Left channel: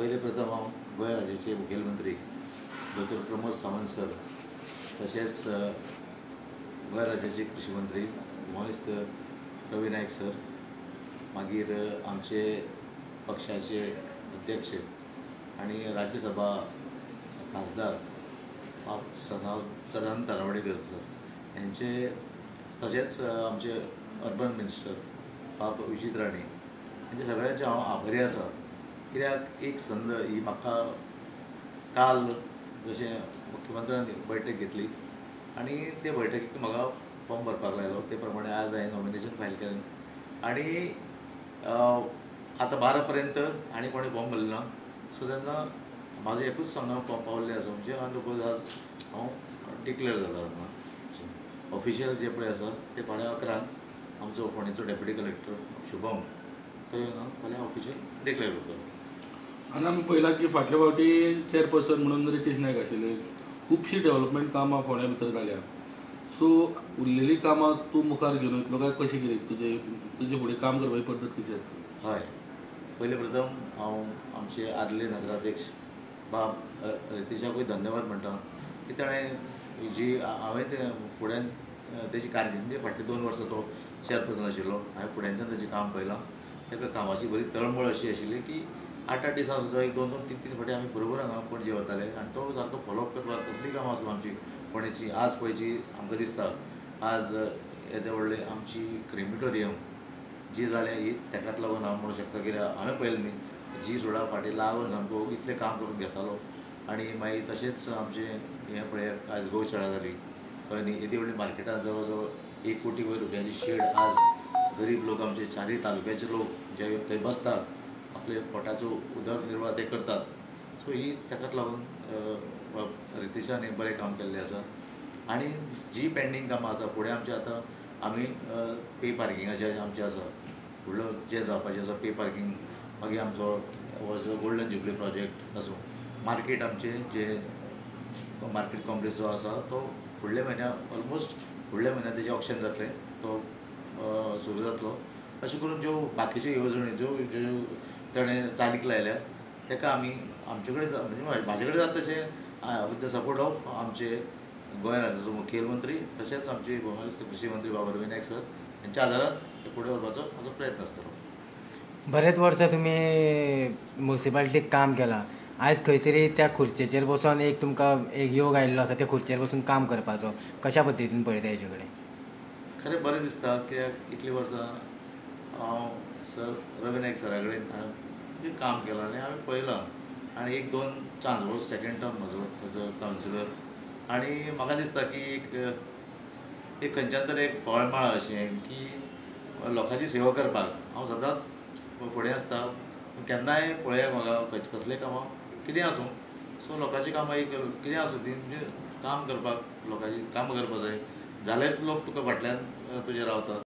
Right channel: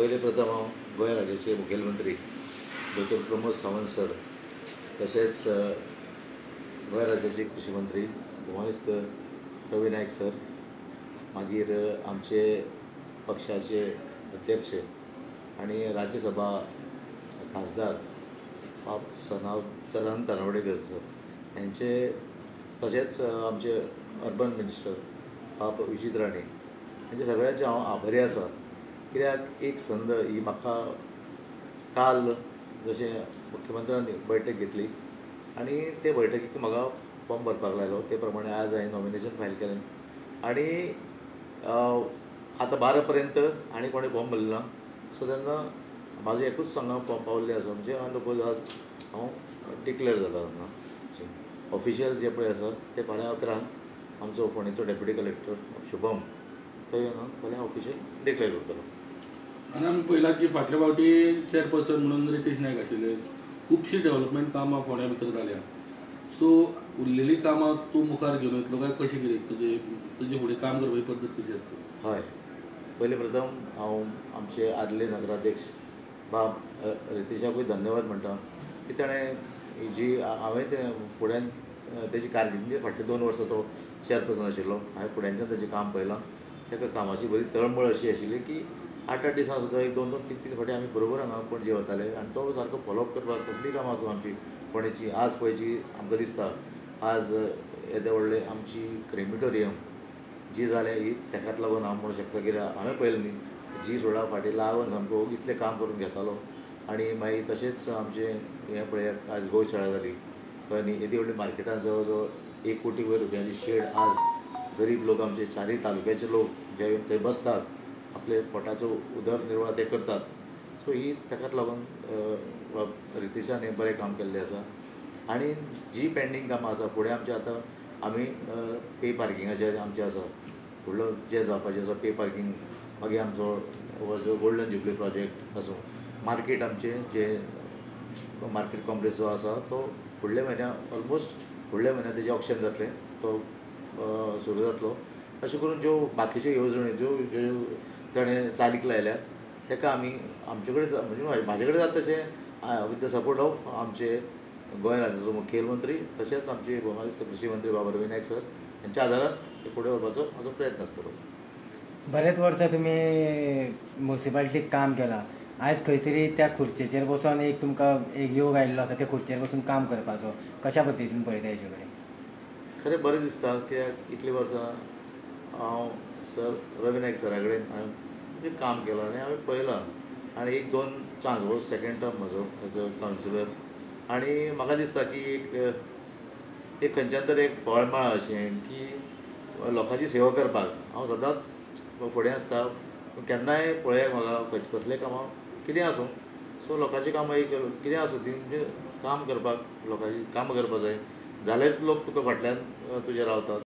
पहिले प्रथम हांव गोंय राज्याचे मुखेलमंत्री डॉ प्रमोद सावंत सर, तशेंच गोंय राज्याचे कृषी मंत्री उमायुक्त रवी नायक सर, मागीर आमचे पक्षाचे अध्यक्ष आणि राज्यसभा खासदार बाब सदानंद तरनावडेकर सर यांचे, तशेंच आमचे अर्बन मिनिस्टर बाब विजीत राणे यांचे सगळ्यांचे हांव आभारी आसा। कित्याक एक संद ही म्हाका काल जशें मुख्यमंत्र्यान बैठक घेतली आणि ते बैठकीक म्हाका फॉर्म भरपाक लायलो, ते प्रमाणे आज हांवें नॉमिनेशन फायल केलें आणि आतां 12 पर्यंत आनी कोणें फॉर्म भरलें ना। सो तेन्ना म्हाजें एकूच फॉर्म पावल्लें आसा, म्हणजे अंडरपोज आज हांव डिक्लेअर जालो हांगा। ऑफिशियल जे पळय आसा ते फाल्यां 11 आमचो फोंडेचो डेप्युटी कलेक्टर शुभम तो येवन फाल्यां ऑफिशियल डिक्लेअर करतलो। आनी आमी पळयलां की फाटल्या फावटी चेअरपर्सन म्हणून रितेश नायक आशिल्ले, खुबशीं डेव्हलपमेंट कामां फोंड्या भितर जाल्या। सो उरलेलीं कामां तूं मुखार घेवन वयतलो काय कशें कितें तुजे फुडें काम करपाची पद्दत कशी आसता? हय, पयले प्रथम हांव आमचे आदले नगराध्यक्ष बाब रितेशाकूय धन्यवाद म्हणटा की ताणें जी हांवें ते फुड्यान तेजी कारकिर्दी फाटले 2 वर्सां तो चेअरपर्सन आशिल्लो, हांवें फुड्यांच्यान तेजें काम पळयलां। ताका कामाची बरी तळमळ अशी आशिल्ली की 8-8 दिसां सुद्दां एक 2-2, 3-3 फावटी आमी बरोबर हांगा पणजे वताले आनी तो सारको फॉलोअप करपाक कसलीय कामां आसूं आमची फोंडेची। आज पळयची आमकां दिसता आज येदे व्हडले आमची क्रेमिटोरियम जी जाल्या ही ताकाच लागून हांव म्हणूं शकता, कित्याक हांवें पळयलें न्ही जी सोडा फाटी लागून सामको इतलें काम करून घेतालो। आनी मागीर तशेंच आमचें हें पळयात आज गौशाळा जाली कळ्ळें न्ही, येदी व्हडली मार्केटांत जवळ जवळ 1 कोटी वयर रुपयांची शेड आज गरीब लोक आमचे 4 तालुक्याचे लोक जे थंय बसतात, आपले पोटाचो उदरनिर्वाह ते करतात। सो ही ताकाच लागून रितेशान हें बरें काम केल्लें आसा। आनी जी पेंडींग कामां आसा फुडें आमचें आतां आमी पे पार्किंगाचें आमचें आसा, व्हडलो जें जावपाचें आसा पे पार्किंग, मागीर आमचो गोल्डन जुबली प्रोजेक्ट आसूं, मार्केट आमचें जे मार्केट कॉम्प्लेक्स जो आसा तो फुडल्या म्हयन्याक ऑलमोस्ट फुडल्या म्हयन्याक तेजें ऑक्शन जातलें, तो सुरू जातलो। अशें करून ज्यो बाकीच्यो येवजणी ज्यो ताणें चालीक लायल्यात ताका आमी आमचे कडेन म्हणजे म्हाजे कडेन जाता तशें विथ द सपोर्ट ऑफ आमचे गोंय राज्याचो मुखेलमंत्री तशेंच आमचे गोंयचे कृषी मंत्री बाब रवी नायक सर यांच्या आदारान ते फुडें व्हरपाचो म्हाजो प्रयत्न आसतलो। बरेच वर्सां तुमी म्युनिसिपालिटीक काम केलां, आयज खंय तरी त्या खुर्चेचेर बसून एक तुमकां एक योग आयिल्लो आसा त्या खुर्चेर बसून काम करपाचो, कशा पद्दतीन पळयता हेजे कडेन? खरें बरें दिसता, कित्याक इतलीं वर्सां हांव सर रवी नायक सरा कडेन हांवें काम केलां आनी हांवें पळयलां आनी 1-2 चान्स हो सेकंड टर्म म्हजो एज अ कावन्सिलर, आनी म्हाका दिसता की एक खंयच्यान तरी एक फळ मेळ्ळा अशें की लोकांची सेवा करपाक हांव सदांच फुडें आसता। केन्नाय पळयात म्हाका कसलेय कामां कितें आसूं, सो लोकांची कामां एक कितें आसूं ती म्हणजे काम करपाक लोकांची कामां करपाक जाय, जाल्यार लोक तुका फाटल्यान तुजे रावतात।